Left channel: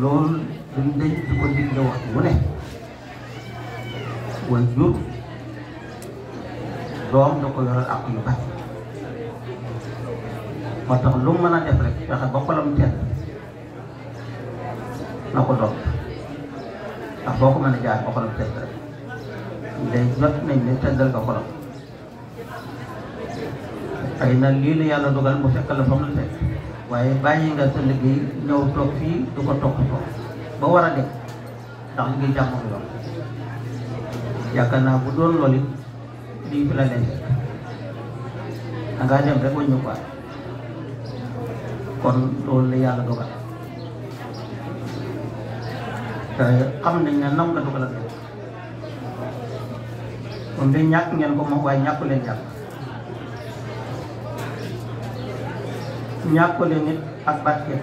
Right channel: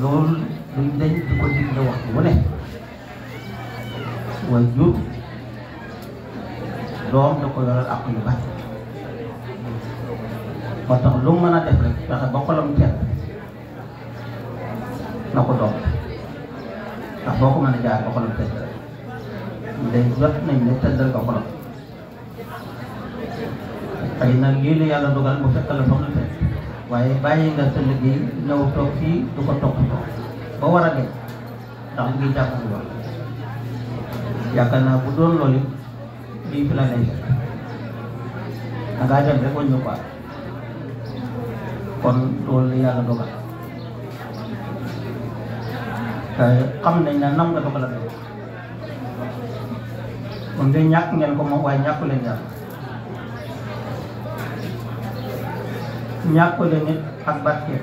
loolu duñ dañ di ko digle waxtu wu ne way jur doom da ko yoral ak yu bari moo tax lu mu mën a def rek fexe ba xolam tedd na ko doon ndax boo ko mën a jaar ba xolam tedd rek day jot nañ ne teddal nga xolam xëy na lii la yàlla dogal mu fekk la fa mu fekk waaye bàyyi nga sa liggéey ñëw toog fii du ko topp ba war a dem ndax ngi jàmm bi wax yaakaar naa bu doon loolu lii fi la nekk dangaa dem rek wañu quoi kon loolu la yàlla dogal te xam nañ ne nam nga dogal rek moom de ñàkk ngeen ko moom waaye ñàkku leen yàlla ñàkku leen nit ak barke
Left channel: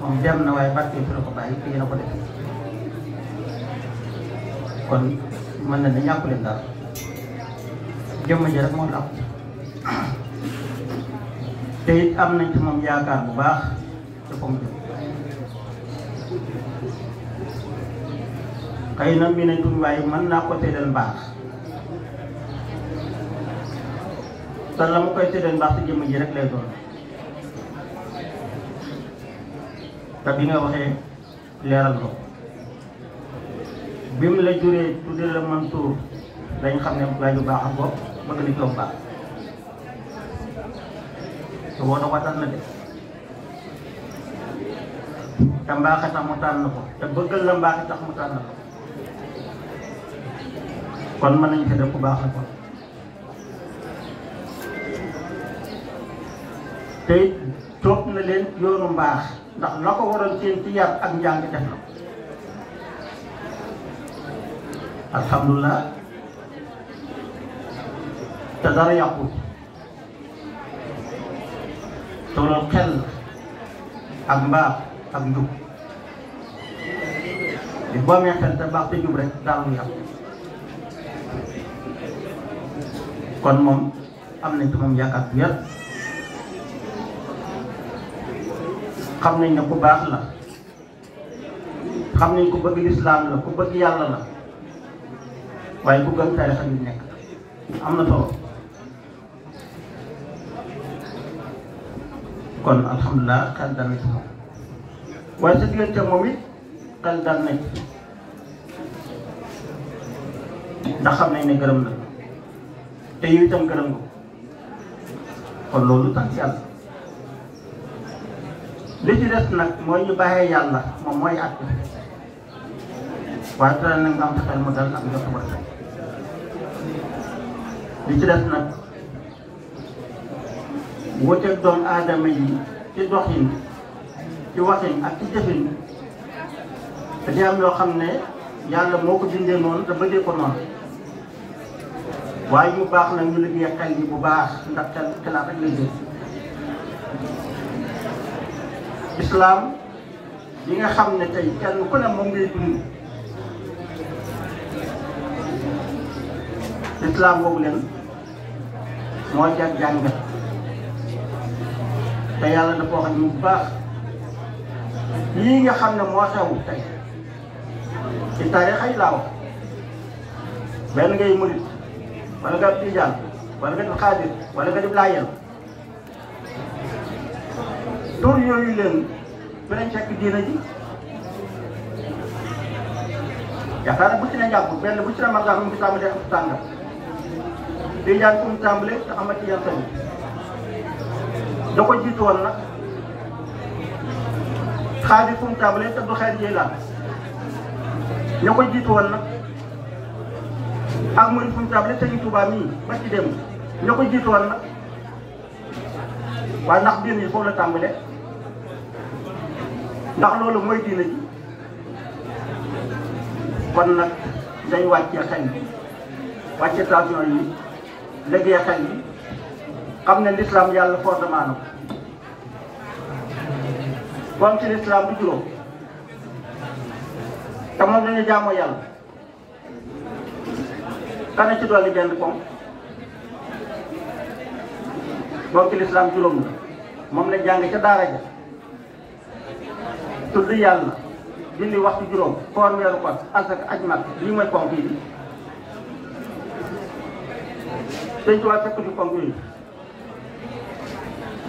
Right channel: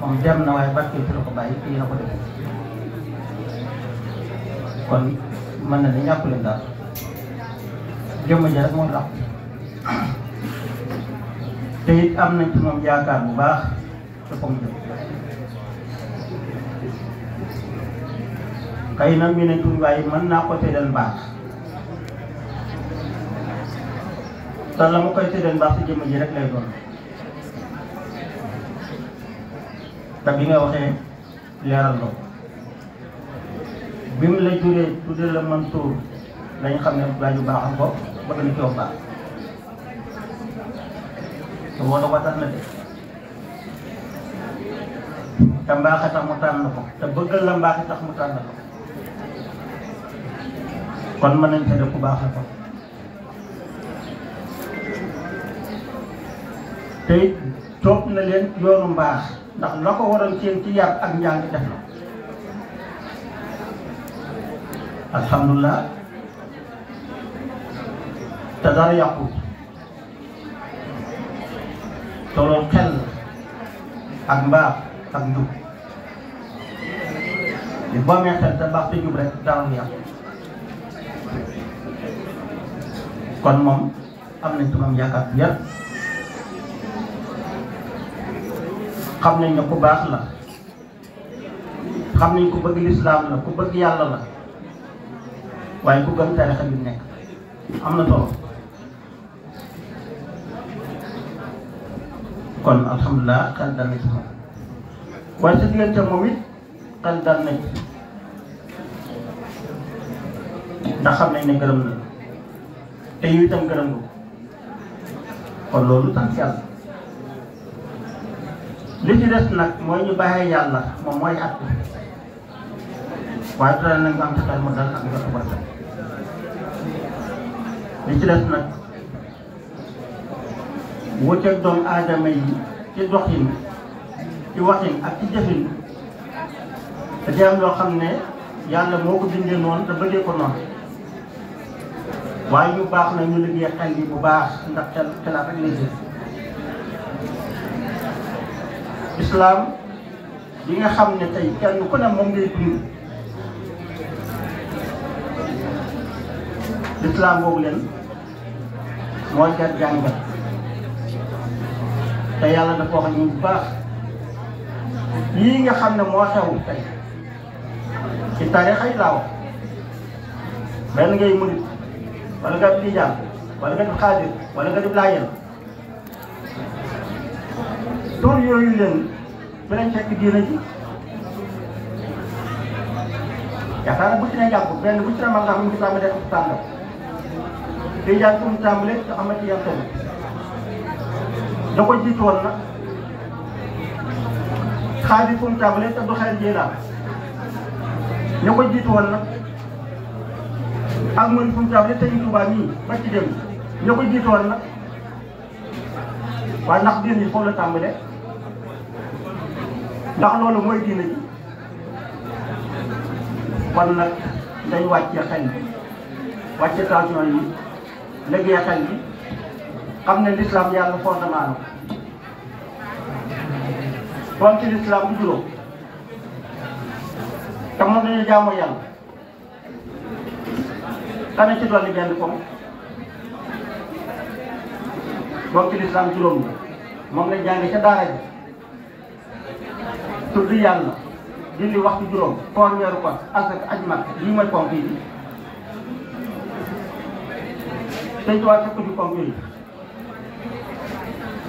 moom dem na waaye barke fi la ko bàyyi kii na ko def kon mën na ne ñàkku leen dara jëmm ji rek moom la te it am nañ ci moom yaakaar bu baax te comme xëy na mi ne tuñ waaye mën naa ko tëddal mbaax te la ma koy tëddal mbaax ci jëmm ji rek lay doon te bi nga waxee leeral ko bi mu la juree tuddee la Mansour dañ xam ne gaa ju baaxam ko bëgg na coow baax te woo na ko tax na de te mbaax a tax mu tànn ko te bëggal la mbaax a tax mu tànn ko kon mën nañ ko def ku baax la ko te toog na leen yoonu mbaax ndax la ko waral seen ci yar ak njàng def na alhamdulilah te dara yàqu te loolu xel ak mbaax ak njub li boo amee xel te baax te njub rek dara lu yàqu kon moom am nañ ci moom yaakaar bu yar xam nañ ne ku baax la xam nañ ku bëgg lislaam la ku bëgg yàlla la waaye ku gën tarixa bi nekk am na solo kon alhamdulilah xel dal na ci moom waaye sa diggante moom it xel dal na ci ndax xam nañ ne gërëm la te yu itam gërëm ko kon loolu sant yàlla li ci des nag mooy ñu bàyyee yàlla moom mooy at waaye dara na nga am xel mu dal ak njort ba li ci des nag wuteeg doomu aadama yi ci doxin ci waxin ak ci jëfin te di am yoo xam ne yàlla moo ko bindee noonu te bëggee ko noonu waaye ñu baax na ñu liggéey xel yi bu baax ndax xel ak lay jëf islam yi nga xam ne tey kenn ku ne moom ngay dund islam boobu leen moo jar jàngat te yàlla dafa wax ñu bu baax yii nga xam ne moo xew tey ci tarixa yi laa wax benn ngay murit wala nga di tijaan wala nga di xaadir wala nga di laayeen tur yooyu leen dinañ fekk diine ji yaakaar naa bu ci ne jàpp benn bu ci ne mag nga xam ne tàmbalee ko tàmbale di jàng fu mu tàmbalee te xam nga ci yàlla tamit da ko jiitu woon nag xaar bi fu mu tàmbalee te du xeer ji la ña ko jiitu woon nag ak mën fu mu tàmbalee te ñu Tuubaa nii ba ci dem ña ko jiitu woon nag waaye ndax diine ji foofu la tàmbalee ndax loolu mooy diine ji kon nag dañ wàccee xel bi wàcce tension yi liggéey xel bi xam ne l'islam yàlla fondement na kon ci l'islam bu juróom te moom dañuy jaamu yàlla kana ci dolli genn koom donc ci l'islam juróom la moom lañ jàng ca daara ji tudd yàlla julli waxtu juróom koor weeru koor asaka aj mag lii mooy ponk yi sëñ Tuubaa fekk di ponk yi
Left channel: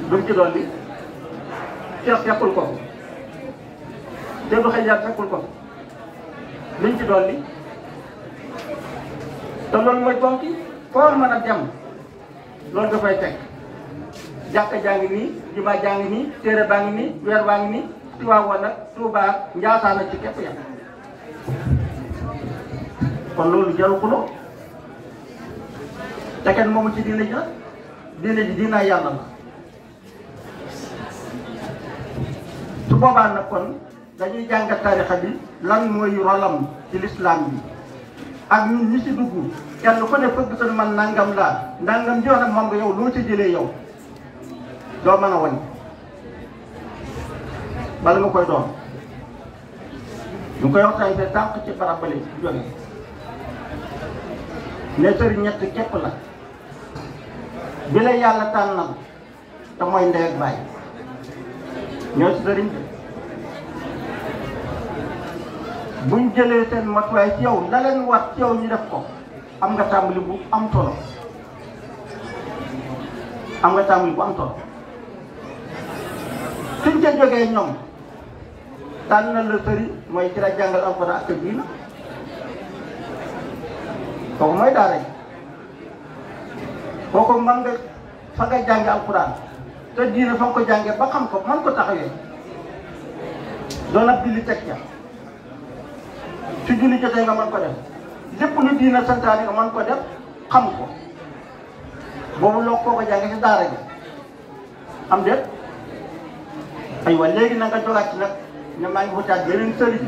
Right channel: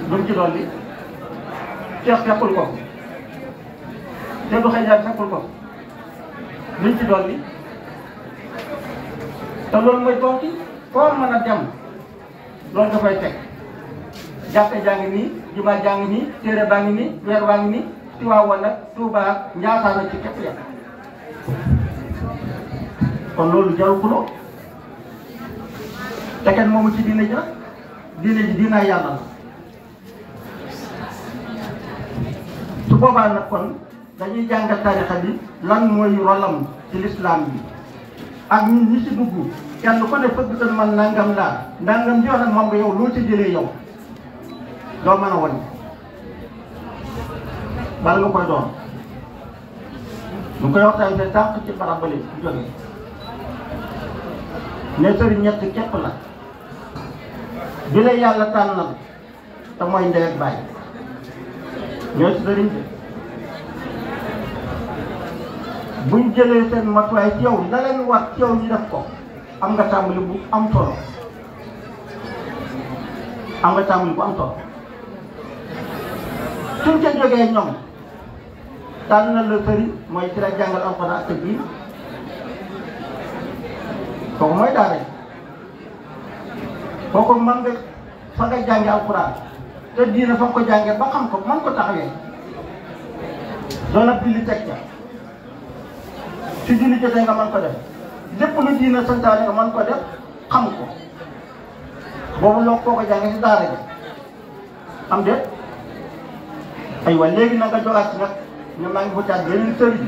duñ ci doon bi ceex fekkul ko te du xëy fekkul ko luñ ci doon bi te loolu mooy ponk yi koor mën a dem loolu dafay fekk jàkka jaa ngi nii jumaa jaa ngi nii téere baa ngi nii weer baa ngi nii Tiwaawan nag Tuubaa Njaasaan la ci képp ya kon loolu jaru xuloo te kenn moomu ci diine ji nag diine ji diinaay yàlla la su boobaa nag kon dañuy jàngat tarixa bi lan mooy rolam ci lislaam bi ak ñun ñi ci dugg kenn ku ne fëgg tan man nangam laa nangam di wax nag moom nga yow loo ci jëlee yow doo mën a wane bala nga koy doon ñu koy waxtaan te tànk ci barabale jóge ne sëriñ ñett képp la bi la yàlla tànnal te mooy ndey ak baay ñoo si sëriñ bi buñ jëlee seen matuwaay ci yow la leen war ci yow ñu def ko am nga tàmbali bu am solo am nga tàmbali bu am solo suñ ca jógee ñoom tànn na la sëriñ mooy ci la jàngal alxuraan ak diin kooku mooy daara yi kooku mën nga fa nga jànge alxuraan te diina fa nga ko jàngee ba xam ko mën ko taxawee doon ab julli teg ca su julli jotee nga mën ko def lépp lu diina santaane nga mën ko def xam ko boobu loo koo ko jàngee si daara bi am déet aywa léegi nag nga jogaat ci nag ne maa ngi wutaat beneen sëriñ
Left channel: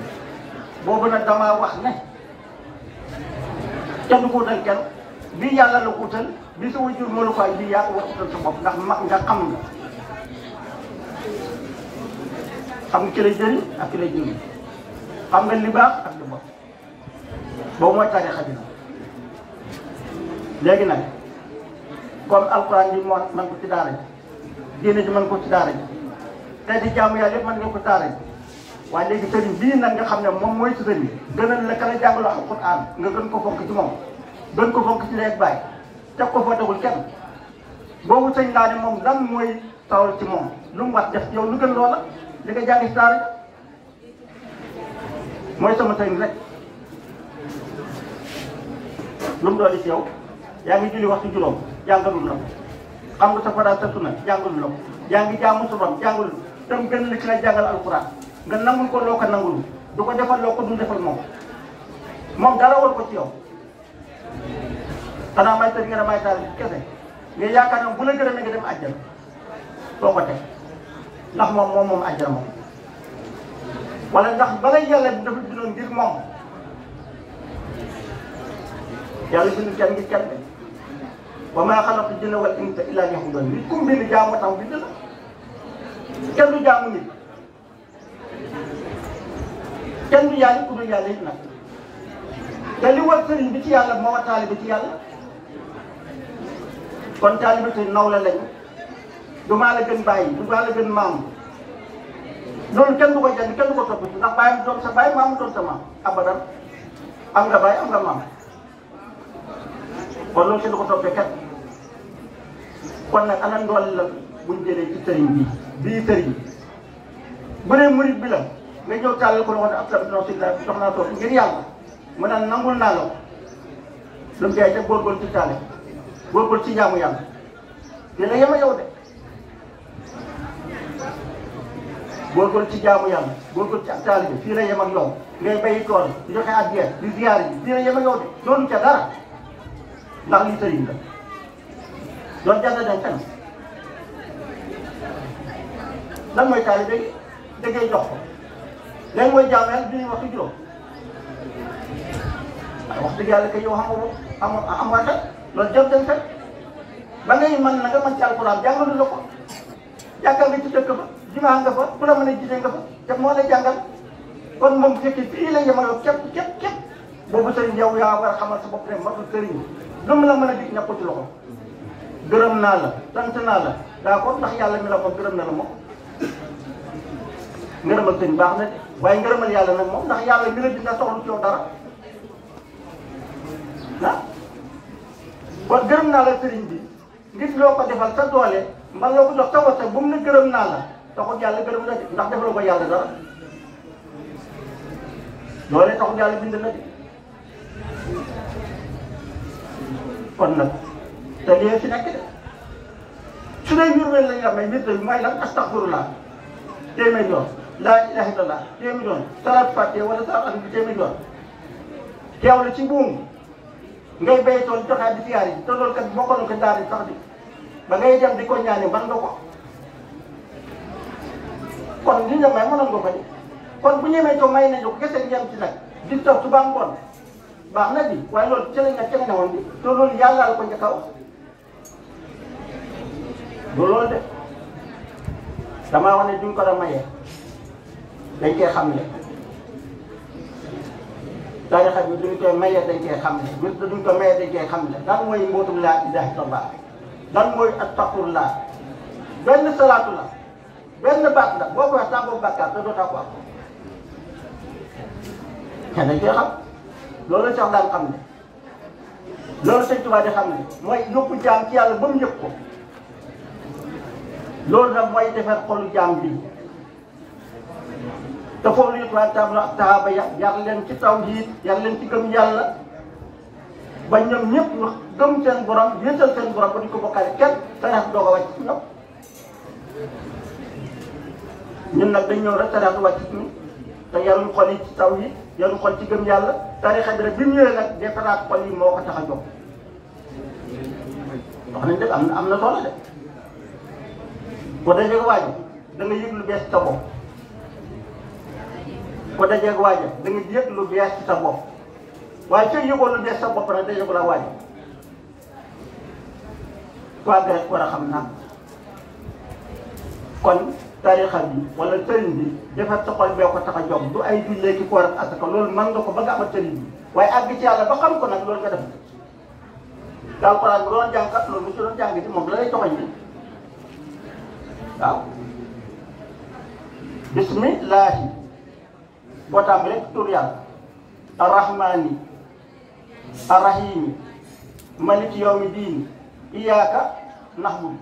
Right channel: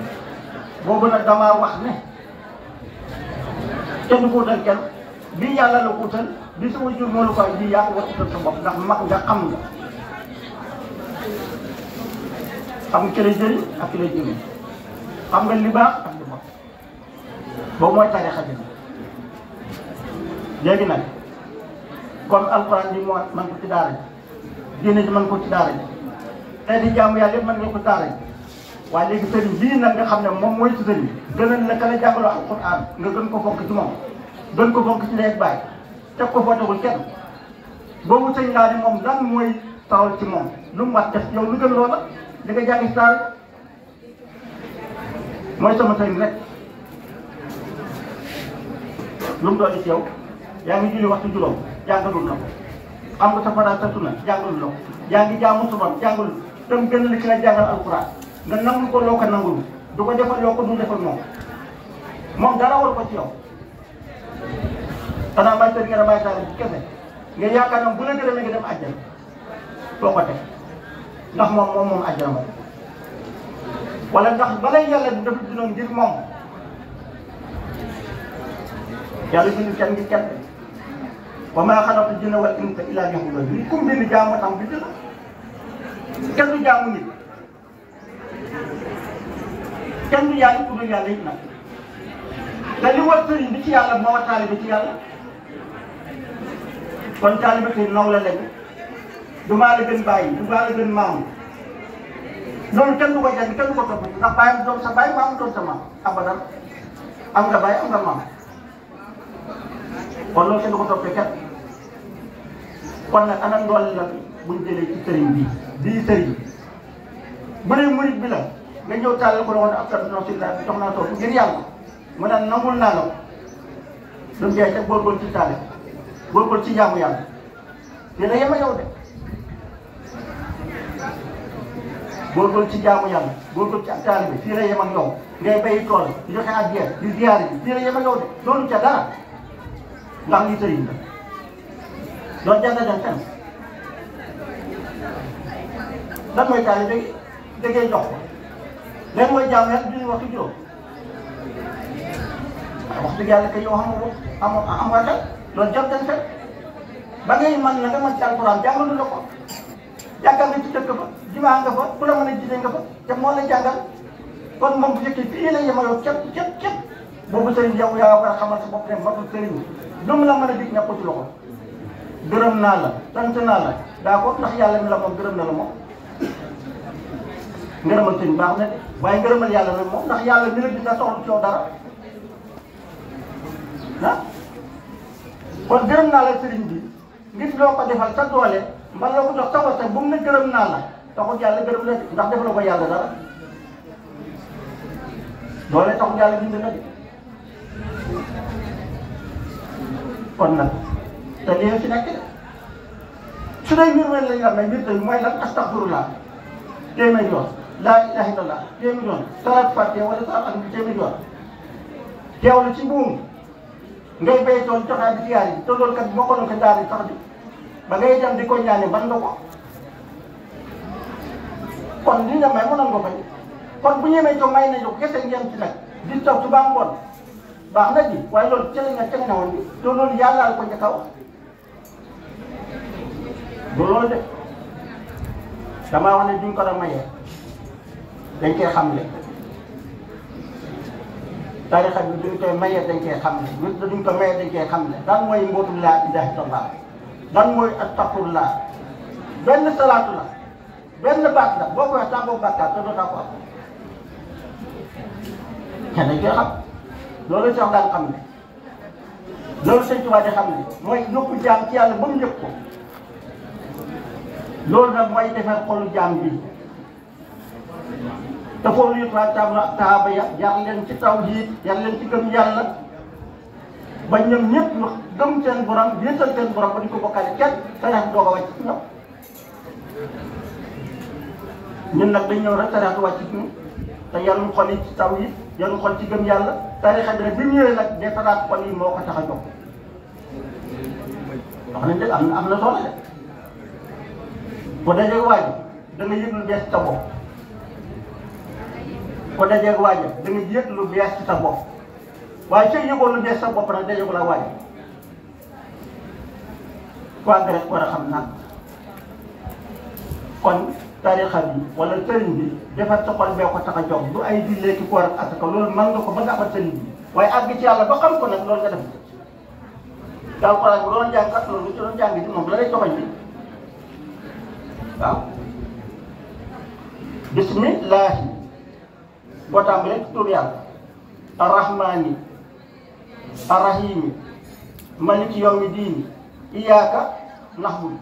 boobu nag damaa wax ne kenn du ko wutal kenn bii yàlla la ko wutal bi sa wajur moo la ko bii yaa ko wutal sa bopp ndax mag nga xam nga xam nga ki lay jëriñ ak ki lay jëriñ xam nga li baax ak li bon boobu mooy tarixa bi léegi nag comme alxuraan bi moo man ko ci daara ji diine ji man ko ci daara ji xeeti jaamu yàlla yëpp mën nga ko daara ji waaye léegi sëriñ bii nag nga xam ne moom mooy ci sëriñ gënal la ka la jàngaloo alxuraan nga gën ko fonk ci moom gën ko fonk ci nekk bàyyi teg ko foo tegul kenn boobu sëñ laa ne moom lan mooy tawal ci moom lu mu wax def yow lu gën loola li nga jàng ci daara mooy sama sëriñ rek lu mu doon ci yow yaa ngi julli waxtu juróom jàngalul la ko xam nga sa faral sa sunna jàngalul la ko yaa ngi jaamu subam jàngalul dem gën la ci la jàngal alxuraan nga nangul ko loo ko nangul du ko defal loo ko du defal moom dara war ko ci yow xanaa may tëdd nga ne may taal ci kese nga yaakaar ne bu la gërëm nga dem àjjana doo ko teg ndax moom àjjana moom wala ndax balay yàlla di def dinoon ngir moom yàlla bind kenn ngir kenn wa maa xalaqtu jinna wal insa illaa liya'buduun nit ku mbind jaamu tam bi dëgg kenn du jaamu nit kenn du yàlla ku dul yàlla it nag te li war sëriñ bi ci yàlla moo war taalibe ci yàlla kon taalibe tey nawle lañu du maa la gën bàyyi du maa la gën maamu loolu kenn du ko jàng kenn du ko topp ndax bàyyi doon sa bàyyi maamu doon sa maam abadan am nga bàyyi am nga maam kon loolu kenn du ko toppee kenn kon nag ana ndool la buñ jëlee ci sëriñ bii sëriñ bu dee murit bi la nga ñëw tàllal ko doon ab tab non si la jox naa toog ngir yàlla mu naan nangul naa la lu mu jaay te góorgóorlu ci tàlle góorgóorlu ci jaamu yàlla te la yema yow de góorgóorlu ci jaamu yàlla góorgóorlu ci ak taal bi fii la yem ak yow ngay bayi tool di joxe addiya di ziyaar yi fii la yem ak yow de doonu ca dara ndax lii sëriñ la doon jàng dem fenn lan mooy taal bi dëggee jox ko léegi mooy jaamu yàlla du ñu wax ci juróom wax dëgg yàlla kay yow xam nga ko am nga xel loolu jot den fekk ba ngay mën na nga mën ci alxuraan jàngalu la ko jàngal nga ci dëkk ba jumaa nga fa ku la mën a jiite nga fa te moo la jàngal kon moom bu fekkee fii la yemaloo képp boobu sëriñ yow yaa war a xamal sa bopp ne matul sëriñ lu mu la mën a dig ne ko ci loxo gërëm naa la sant naa la daa ko ndax yàlla mi la moom gërëm na la moom ngërëmal sëñ baax na de waaye ngërëmal yàlla nag moom ndax yàlla mi la dina soxla ci yow dara ah kon gërëm naa la sëriñ bi ngir loo ko defal sa doole man loo ko jox sa wate bu mu ne gërëm naa la taxul yàlla gërëm la ndax defaloo ko yàlla dara doole taxul yàlla bind na de kon nag te lii fi nekk de su dee njurweel lañ amee mbir mi mooy lan astaghfirullah téeméer yoon laa ilaha illallah téeméer yoon salaat fatiha wala salaat am bi téeméer yoon teewlu ci buum ngay bay tool taxaw di fiyaar yi te loolu kat bokkaloon ko daal di tax bi ba ngay dem di ko ñaane ban nga ko kon li nga may mënoon nga ko kon bu ñemee to may nañ ko kese ngeen ci nag di taw suba ngoon baax na ji waaye loolu cële nga cële na woon bi te loolu yàlla la ko njëkk a wax loolu de damaa wax ne duñ ko doon mayee dañ koy xamle tarixa bi duñ koy mayee dañ koy xamle nit duñ ko mayee dañ koy xamle daan mooy mbootum laa ilaaha illallaah daan mooy astaghfirullah benn salaatu la benn baat la boo ko wax tàggoo bàkkaar te doo tàggoo ak dañ koy xam loolu sax daan xam ne loolu Sëñ Tuubaa di xam ne mooy yóbbu jaam ci yàlla ba mu yëg ko loolu nag mooy defar xolu jaam bi te foofu la ñu tubaab taaba yar leen ci tawhiid yar leen ci gëm yàlla ba ñoom ñëpp ñu gëm seen borom yéesal seen borom ba di ko bokkaale kenn sarax doo ko wàcc ci ñoom ñun nag dañ ñëw rek sarax wàcc ci ñun te yaruñ xol yi ci tawhiid yaruñ xol ci gëm yàlla tarixa bi rek bi ñëwee nag defaraat xol yi moo ko tax a jóg wax nañ de am na solo de ko dajeeg waajo da nga yëg lu bees ci sa bopp ko dajeeg waajo da nga yëg lu bees ci sa bopp waaye soo yëgoo lu bees sa bopp nag dajeegu la waajo ko àgg rek war a xam naan kon tarixa bi wala sëriñ bi defar sa xol bee ko tax a jóg du ay jullee ci koor ak asaka loolu mën nga ko ba nga amal sëriñ bi waaye àgg ci yàlla ba xam ko nag loolu nga def daal ko bu doon jàng kat loolu ci doon jàng ci moom la lay toxoñ bi waaw bismillahi boo tàmbalee tur yàlla arrahmani arrahimi maliki yawmi diini iyyaka na'budu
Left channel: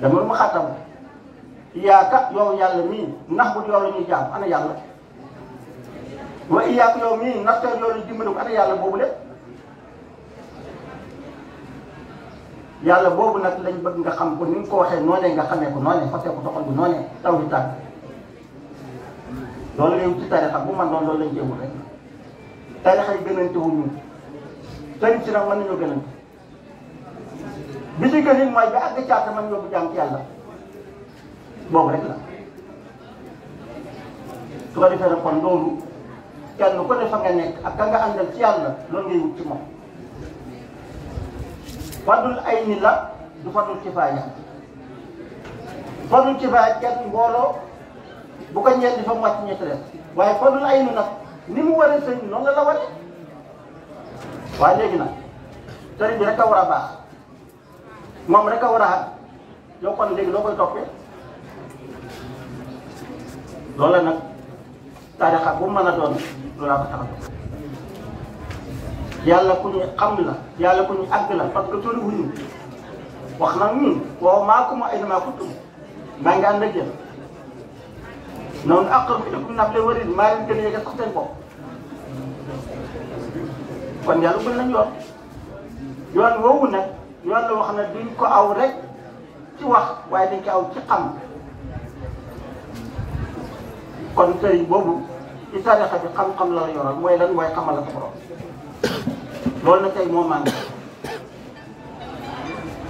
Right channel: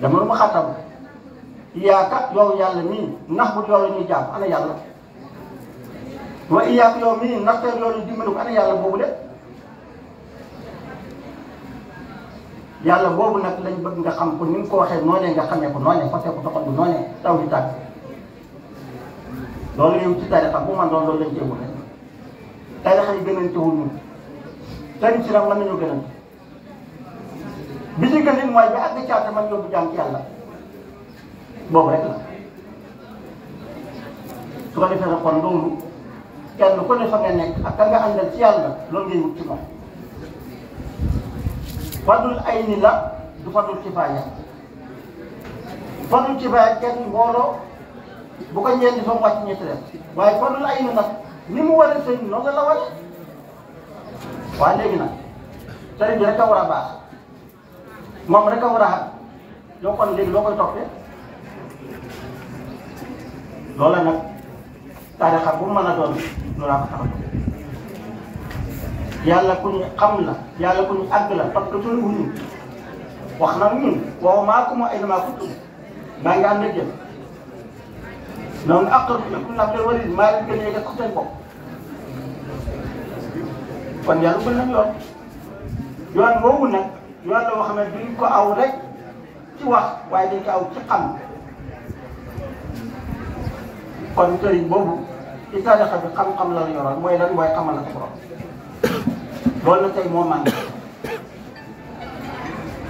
dama lu ma xattam iyyaka yow yàlla mii na'budu yow la ñuy jaam ana yàlla wa iyyaka yow mii nasta'iin yow la ñuy dimbali ko ana yàlla boobu de yàlla boobu nag lañ bëgg nga xam ko ni nga ko waxee noonee nga xamee ko noonee fasee ko soxal bu noonee taw di tàgg loolu lañ ci tarixa bu man doon loolu lañ ci wut rek tarixa yi gënante wu ñu sëriñ si nag mën nañu gënante bi ci gën mooy bi àgg caata man yóbbu jaam ci yàlla boobu rek la su ko defee nag kon loolu kenn ku ne fa nga nekk ak ka nga àndal ci yàlla loolu ngay wut ci moom fadul ay ni la du fadul kifaaya fadul kifaaya kenn mbooloo bu ko ñeent fa mu wàcc ñetti rek waaye fadul ay ni nag ni mu war a sëñ noonu la wane waaye léegi nag sëriñ bi rek a war a baax moom rek a war a xam yow kon léegi loo koy toppee loola nag tarixa bu mën a doon lu laa ko taxaw yàlla ku ñu xam la yàlla ku ñu àgg la parce que tollu wuñu wax na ñun waaw maa ko ma ay maa ko tudd maa ngi ànd ak yéen noonu aqrab ilaykum min hablil warid maa ngi gën a yëgal sax seen bopp kon yàlla gën nañ yoon boobu nag yoon la wax ne duñ ko aw rek ci wax waaye dañ ko aw ci xam kon sëriñ boobu ci tarixa bi xam-xam la la yoroon mooy lan mooy xamal la sa borom loolu na tey moo màgg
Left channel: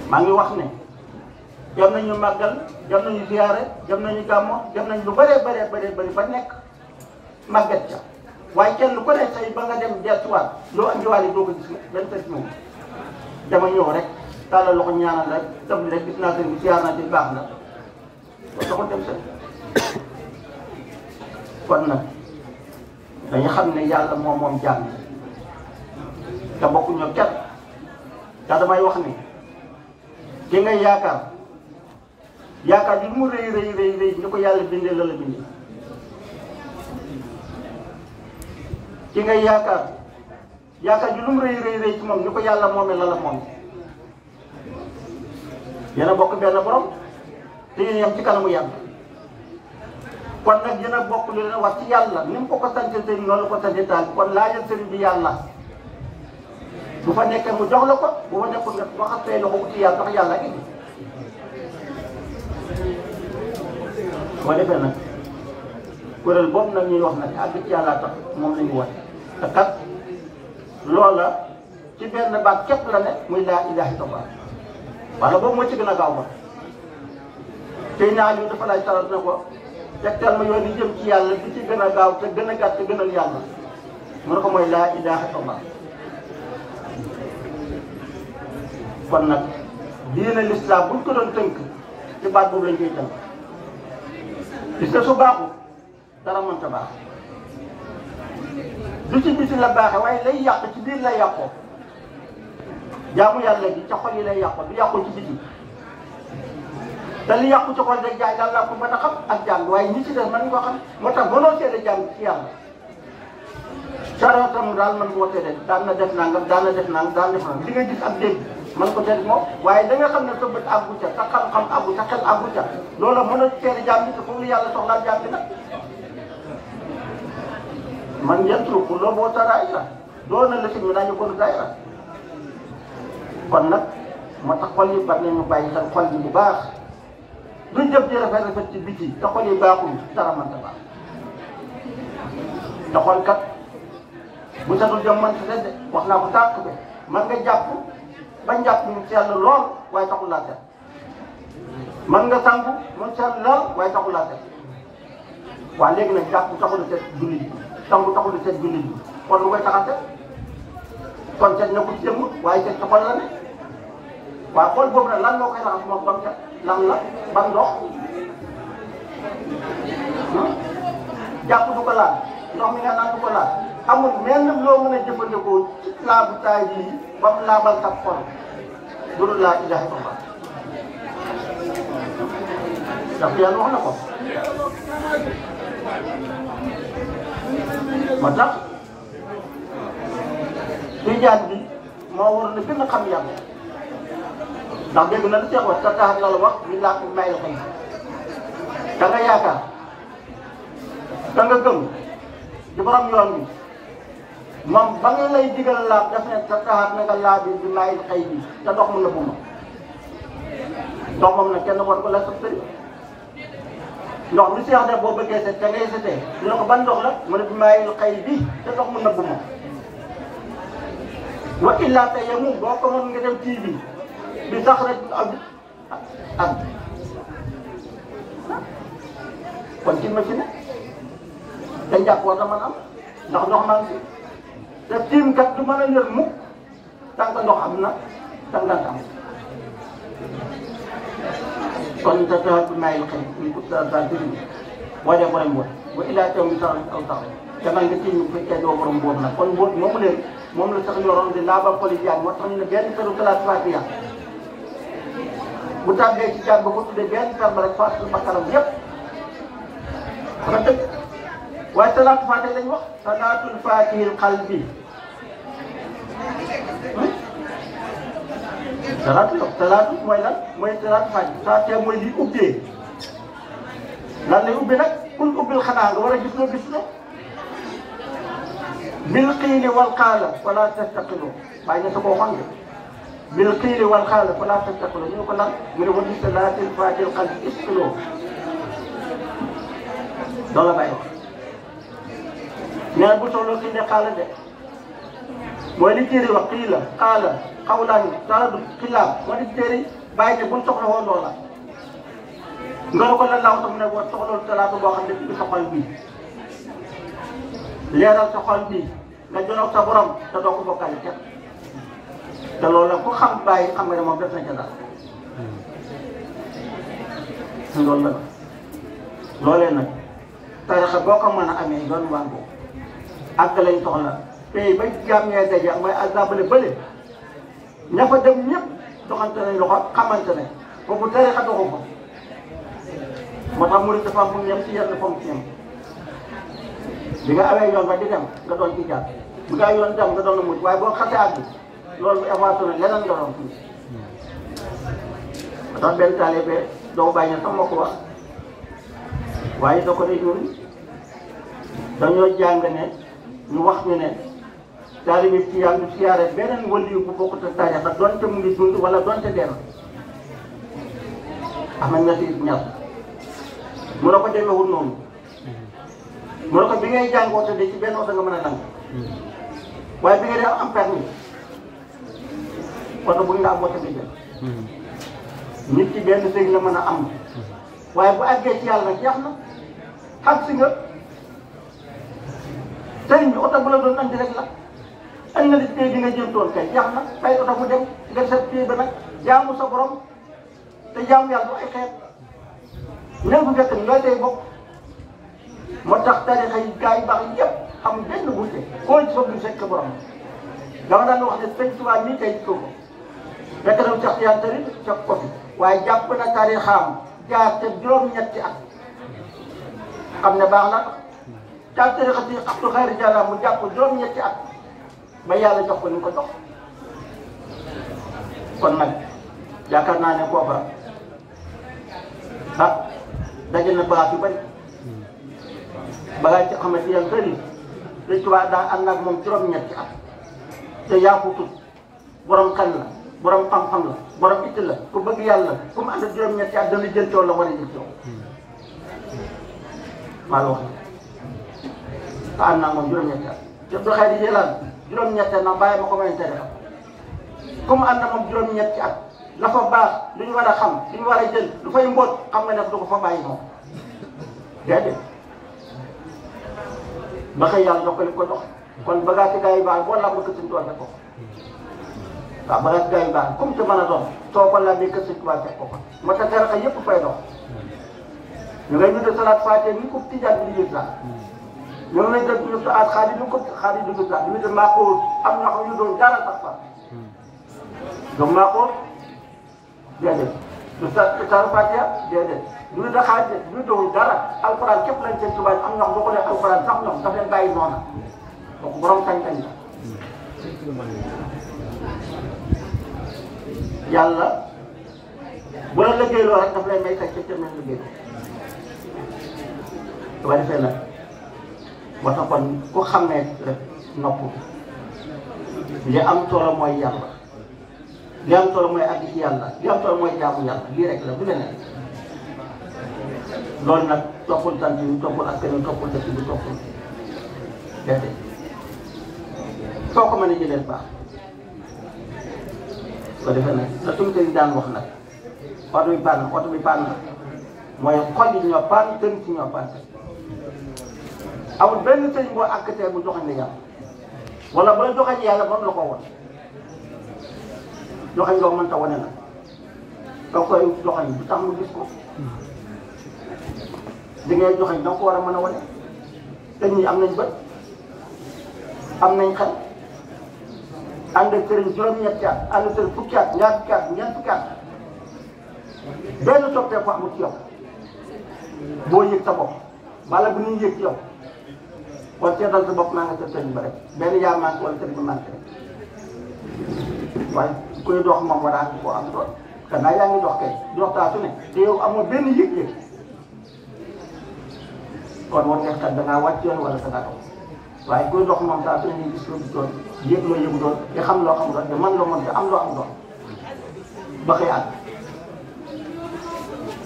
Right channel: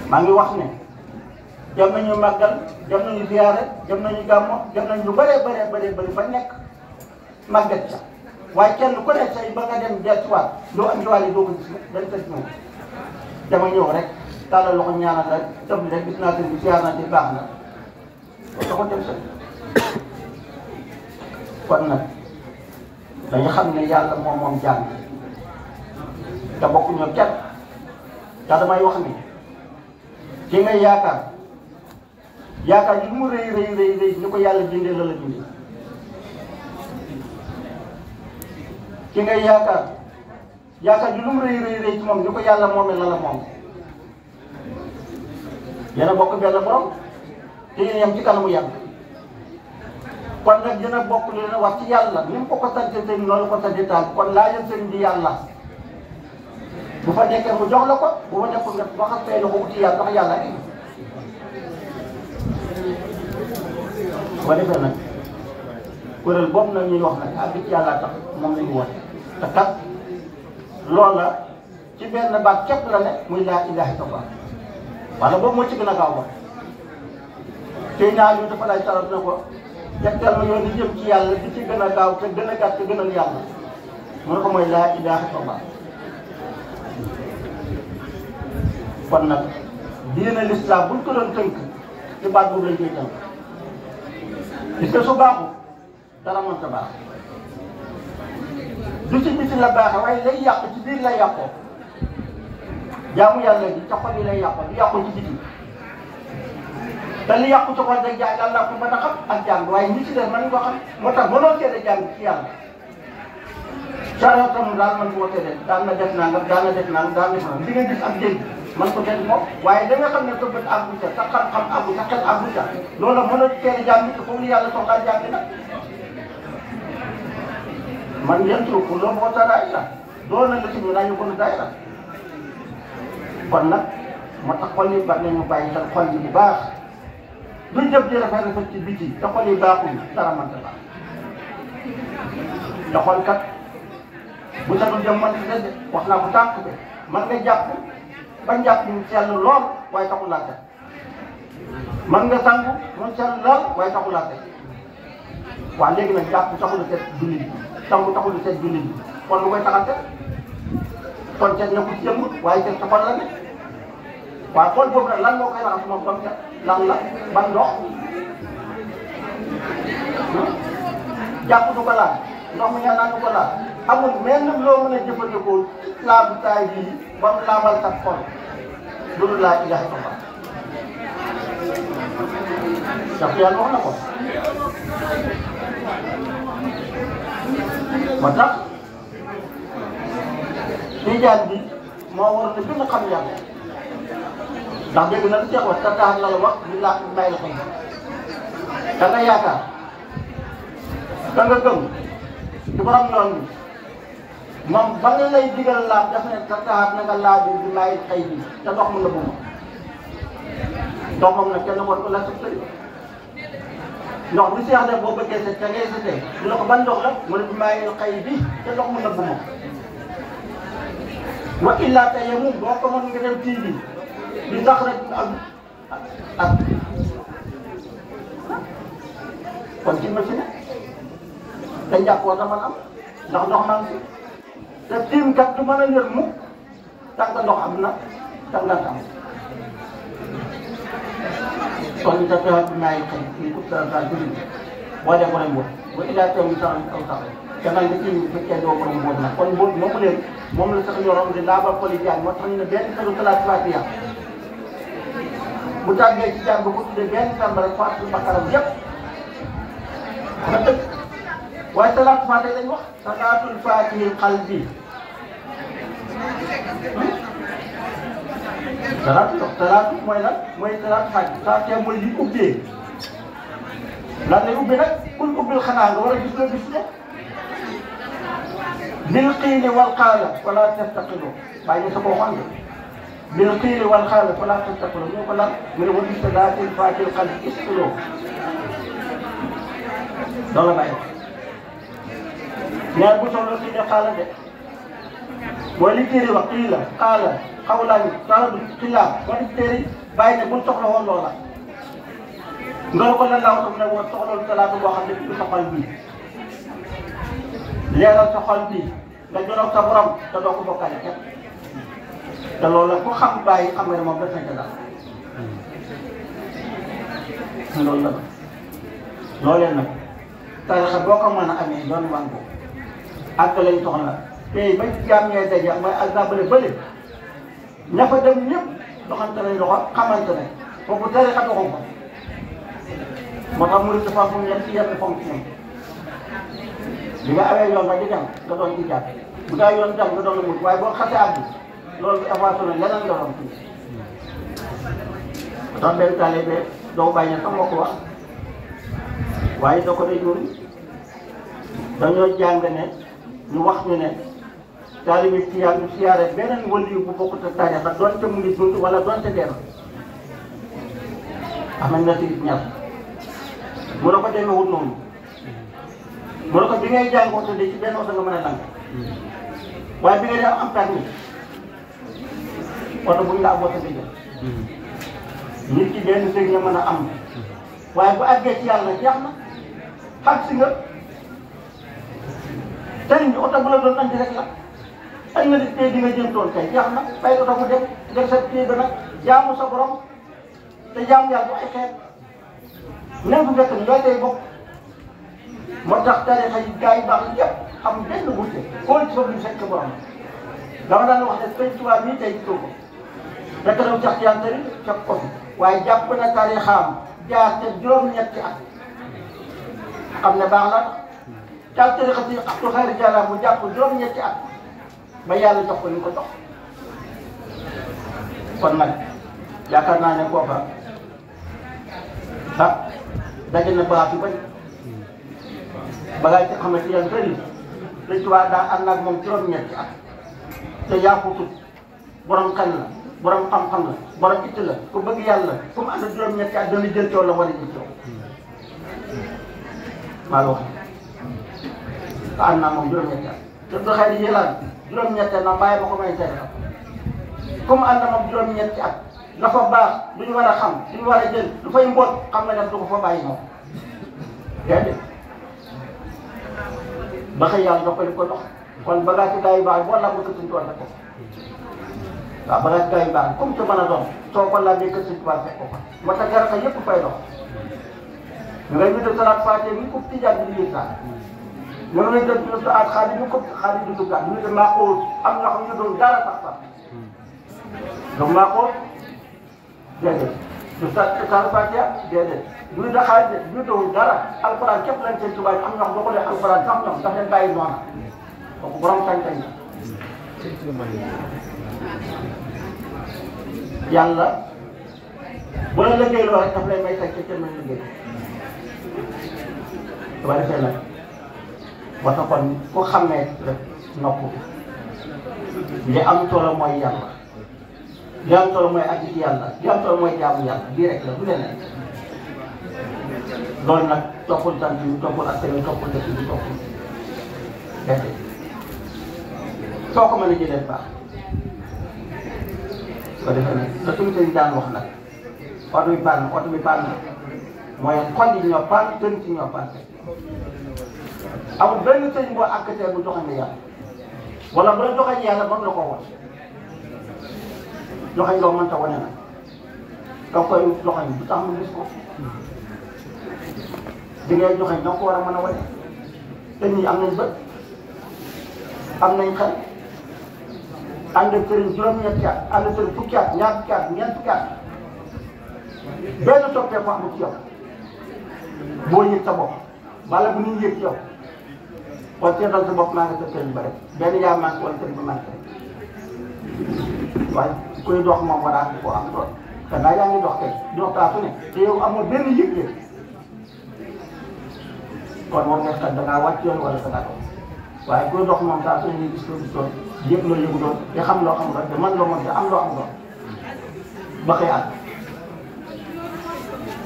maa ngi wax ne dem nañu màggal dem nañu ziyaare dem nañu gàmmo dem nañu lu bëree bëri ba nekk màggat sax waaye kenn ku ne say ba nga dem dellusiwaat loo andiwaale doo ko gis dañ ko gis moom dama ñëw rek tàllal loxo ñaanal rek def rek gis naa seen ziyaar naa ci baax na loolu da ko dem seen kon nag dañu xam ne yàlla moom jaam te bokkuñu kenn te damay wax ni ki ngay yaakaar ji mu rëy ni ko yàlla bindee la la bindee ki ngay yaakaar ju lu mu rëy ci moom ni ko yàlla moomee la moom yéen a bokk benn borom te yéen yem ci kanamu yàlla kon nag dina bokk li na wax ci yàlla ni mu ko sante te noonu la ko sante taal kon laajal sëriñ bi yàlla bu fa nekkee mu jox la ko bu fa nekkul nga waxat tey la ko ci yàlla ndax yàlla rek boo defee nag kuréel boobu nag ñuy wax nag àgg ci yàlla tax moom la ñu wax te kat loola ci benn baat képp la ne muy laa ilaaha illallaah wala boobu moo ci gën a gaaw ba tey naa ñu dafa lay taral ne ko tegtal ma yoon yi jëm ci yàlla di ci gën a gaaw te gën a gàtt te gënal yàlla mu ne ko mooy laa ilaaha illallaah kon nag diine lislaam buñ ko doon tënk ci baat boobu lañ koy tënk gis nga su baaxul dara mënta baax du ci biti la baaxee waaye lay yàq ci biir lay yàqoo jaamu yàlla gi ca xol yi lay yàqoo du yàqoo ci biti te li yàqu ci xol day jaay yàlla ko mën a xam ak jàng waaye ñi ci def mën nga xam moo tax mënoo seede jàng ci yàlla saraatam daal man moo seede daan na def nangam daan na def nangam daan na def nangam li nga gis ak dégg man ko dégg moom waaye da nga xam ne sa bët àggu ca sa xam-xam àggu sa xel àggu ca loolu mën a seede jàng te foofu yàlla soxlaa jàng nag man ngeen trop pour loolu moo tax la doon na la si ñu naa ñu ko daayira kon nag moo tax xol yi bari nañu bàyyi xel xol yi bu baax luñ def di rafet ci biti te xol yi baaxul dara mënta baax te xol kat bu sa dul jëm mënta de wax naa ko tànk bi man nga jàpp ba njàpp ñu sell lool waaye taxul laa teg man nga sangu mu sell lool waaye taxul laa teg waaw léegi nag jàpp taxul a teg jullit bi sangu taxul a teg jullit bi kon lu koy taxante kon teg na ko ci jëmm waaye teg sa xol la ne waaw xool boobu nag lan moo koy raxas moom kon lan la ban ndox jàpp du ko laal ndox mi nga naan du ko laal amul menn loo mën a jëfandikoo laabu taay bii ba mu laabal sa xol loolu laa ilaaha illallaah ndax yàlla wax na ko moo tax tijaan bi moo war ne gën a xam yàlla ndax dégg na lu Cheikh wax tax la la wax ñu laaj may la xam da nga yaakaar da nga gëm ci borom yoon bi moom ba nga lay digal laaj daf ne taxaat na nga laaj bi may xëy bi te ndox mu la bu ma ndox moom nag kenn war ko la sax ndox bi Cheikh ne boo bëggee set te ngay setee mu ne ko ban ndox la mu ne bi may xëy bi te ndox mu la bu ma wa illaa te yow moom boo ko mën nga dem tii bi di sax rek ak kon ci machine te njàpp war na mën am ndax ndox maa ngi te tiim kat du mën a yër mukk tànk ndox am na tànk nga am kon ñu def bi may xëy fii pour sa base bi boo dee borom boobu ba illaa teew bi sax aw sax te man nga tiim fekkee doo borom boobu nag kon boobu moomu leen moom la sax yoroon di laabal xol yi jaan moo tax ñu ne benn salu salaat faatiha bu tàggee ci jaan ba ko tuddee benn sàmba rek fàttali bakaram yëpp nga tëj waaye salaatu faatiha lañ wax salaatul faatihil qalbi salaatu mooy lan mooy salaatu faatiha mooy li ubbee lan lay ubbee nag pour ubbil xanaa nga war a gis ne bil qiili wal qaala wala tastaqilu waaye ñu sa ko waxoon nga bil qiili wal qaala wala tastaqilu ñu ko lan mu ne wa bi salaatil faatihil qalbi istiqloo loolu la bàyyi ñaar bu soxla kii de xaala de mooy li téere wax kii la xaala xawlaan saadu xilaaf moo di téere bàyyi ne bu soxla woon loola nga ko la laaw tam ne boo soxla salaatu boo xam ne ci sa xol bii leeral sa xol bii nga jonoog sa borom te doo ko bokkale kenn te loolu la ku xam bàyyi xam nga ne moom def nañ ko daal loolu la loolee nag tarixa boo ko mën a amee doon wàngo ak lañ soxla tey ba jaam ñee daje mooy exemple bële ña fa dem ñëpp doxante nañ loxo xamante ne foofu tarixa doxu ko moo tax murid dafa am fu ñoom ci yenn fonction bi nga awee yoon ba di dem nga doon ci jàpp bi nga yoon dem nga doon mujj waaye boo xasee àgg loolu bi avancé na leneen nga doon tuuti ndax benn taalibe doo bàyyi sax moo ko wax waaye da ko ne ñun dañoo jàng ne ñu wax ñu ne taalibe ci yàlla du siyaare beneen waliyu bu bokkut ak tariixa doonte mu ngi dund wala doonte dee am na ñetti ñaar mu ne ko demeewul noonu mu ne ko bi ngay jàng oto de ci benn oto nga mën a dang waaye bi nga def am permis oto bu ñu la am oto bi jël nit ci benn sëñ nga mën a am waaye bu àggee ci yàlla jeex na xam si nga sëriñ bi oto bu la doon andi rek la ay na nit tey di nga jëntoon kay jeex na ay oto bu dem nga sa kii ba nag jaamu sa borom te jaamu yàlla du ay xeet même bu fekk ñoo tey bokk moo tax tarixa yi gars yi baax yëpp am benn wuute koo ci fa duñ fekk borom dama daan wax ne sëñ Tuubaa mii tey gisoo ko fekk na Cheikh Tidiane Tari fekk ko fi waaye jàpp na tarixaam jaar te juróom-ñetti at xam ne baax na taal tarixa si Abdou Khadre Diallo mu jàpp juróom-ñetti at ba yàlla jox ko ni ko jox kon nag yaakaar naa ne kooka ah daje na baax yu bëri bagaay ci xamante yan bëri dañ ci waa daa ànd ak moom juróom-ñetti at te yaakutut borom xel la borom xam-xam la borom itti la ku bëgg yàlla fu mu ànd ak juróom-ñetti at dana jël coow la war a jël coow maa la wax te ànd naa moom juróom-ñetti at te du xëy di jëlaat juróom-ñetti at na bàyyi ma ko may tere comme ànd na moom juróom-ñetti at la fa baax lu ñu war a xam lu ñu war a jël lu fay mboot xam nga nag du ko fa bàyyi moom déedéet ba xëy yàlla dox ko li ko dox kon bagage ci gars yu baax boo làmb ko suñ tool rek ko waaw bagage ci gars yu baax comme te mën a doon soo ko làmbee kër suñ tubaab fekk ko fa moo tax garaka yëpp fay dox ñu ngay ñu salaat faatee ni ko tijaan bi di yësaan ñu ngay def ñu su aat xaalis ñu ko xaalis di duggaat ñu de maa ko am na xam ñu doon dara sax fa donc maa ko déedéet du sa saaru Fatiha déedéet du da xaalis du dowul dara alxuraan képp lañ seen tubaab am na boo ko nee alxuraan sax ñoom daf leen bàyyi noonu donc borom sañ-sañ yàlla bu la liggéeyloo rek daf lay may sañ ca cër na liggéey su ko defee nag ba tax kon ku xamee rek nopp li am solo mooy yàlla li am solo mooy àgg ci yàlla li am solo mooy jaamu yàlla lii rek la du leneen loolu nag toppul sant yi toppul askan wi toppul dëkk bi toppul déedéet soo ko mën a jëlee baax soo defee nag la suñu sëriñ daan wax nag oto bi paan mooy xol yi ñoo paan tën ci ñoo paan amul benn sëriñ boo àggtee bu joxañ la yàlla wala bu la joxañ yàlla moom la ko woon joxañ loo mënta wane nag doo koy joxañ bu tax mu gis ko di ngay joxañ doo ko war a mën a wane te ñii am nañ bët am nañ xel ànd ak sëriñ juróom-ñetti at ànd ak sëriñ fukki at ñaar fukki at ñeent fukki at benn soppeeku amul ci yow boo yëg sa bopp wala bu ñuy yëg ci yow kon seetal sa bopp maa nga sa sëriñ ba rek benn yaa manqué wala sëriñ bi manqué waaye kuy dox moom war a ko am doon te naa yaa ngi dox kay dox taa su ne te yow amoo benn yëg-yëg kon moom nga xam da ngaa wàcc yoon wala da ngaa dox waaye kuy dox moom taa su ne gis loo gisoon yëg loo yëgu doon te xam loo xam doon te mën loo mën te am loo am doon ba koy àgg.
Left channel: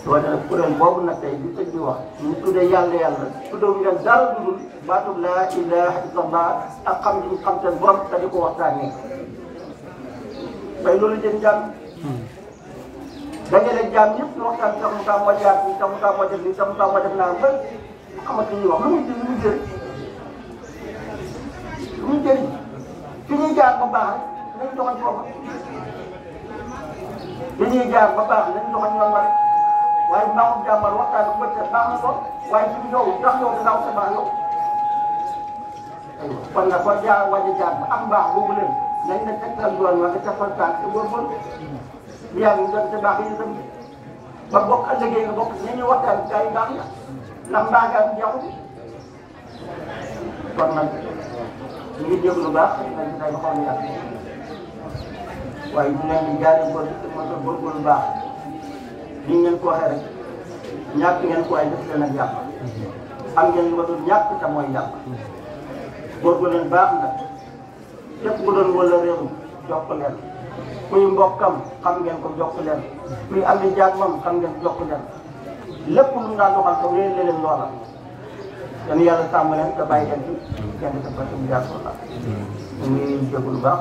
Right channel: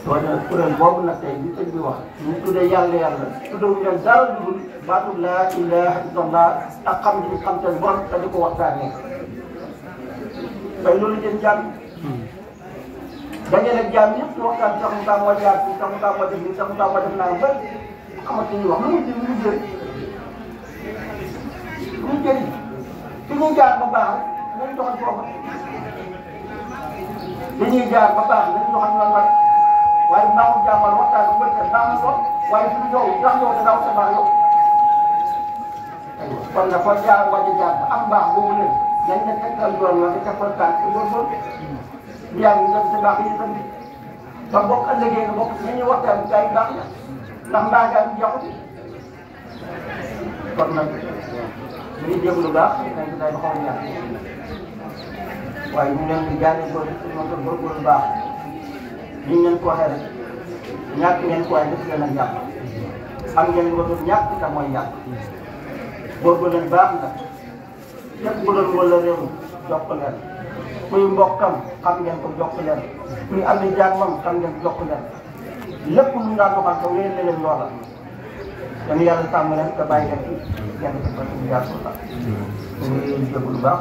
loolu nag kuréel boobu nag tey bi sëñ bi wax ñu tuddee yàlla tuddee ñu dem dara dudul baatu laa ilaaha illallah ak xam li xam seen borom te di ko waxtaanee tey loolu jëm jàmm dañu ne jàmm yëpp ñu waxtaan sax mu taa moo jaar fii sax mu taa moo def nii sax mu taa moo def naa ba xamante ni wax lu muy jëriñ lu muy jëriñ fi ñuy jaar ba baax rek nañ doxal foofa fi ñuy jaar ba baax nañ doxal ñoom rek waaye baaxul jàmmal waxtaan bu bëri baax na ko waaye suñu yow ndax yow da ngaa baax yow kon nga ko jaar wàññi jaar ba am baax boobu leen nañ ne tegtal yoon wa nga tegoon kaat ci góorgóorlu bi yaa ngi doon te baax yi itam ba bokk ëllëgee nga bokk nañuy waxtaan gaa yi baax ya ndax mbaa gaa yi jeexul kon nag ñu ngi déglu lu baax dañ day xaw a yàq waaye ñu leen di jaaree ko moom góorgóorlu lu baax li ñu leen ko waxee rek ñàkk ngeen ko waaye def leen ak yàq am ngeen lu ko doon ñàkk te mooy yàq góorgóorlu leen baax nag lépp ku doon wala réew jokk leen kuy mbokkam xam ngeen ko jokk leen kuy am ni jàmmam xam ngeen jokk leen lépp lu daan doxal te wéyal na leen loola dañu yàlla sàmm leen te bàyyi leen fi kenn ku nekk ñu jaar ko la ñu ngi leen di jóg lu baax.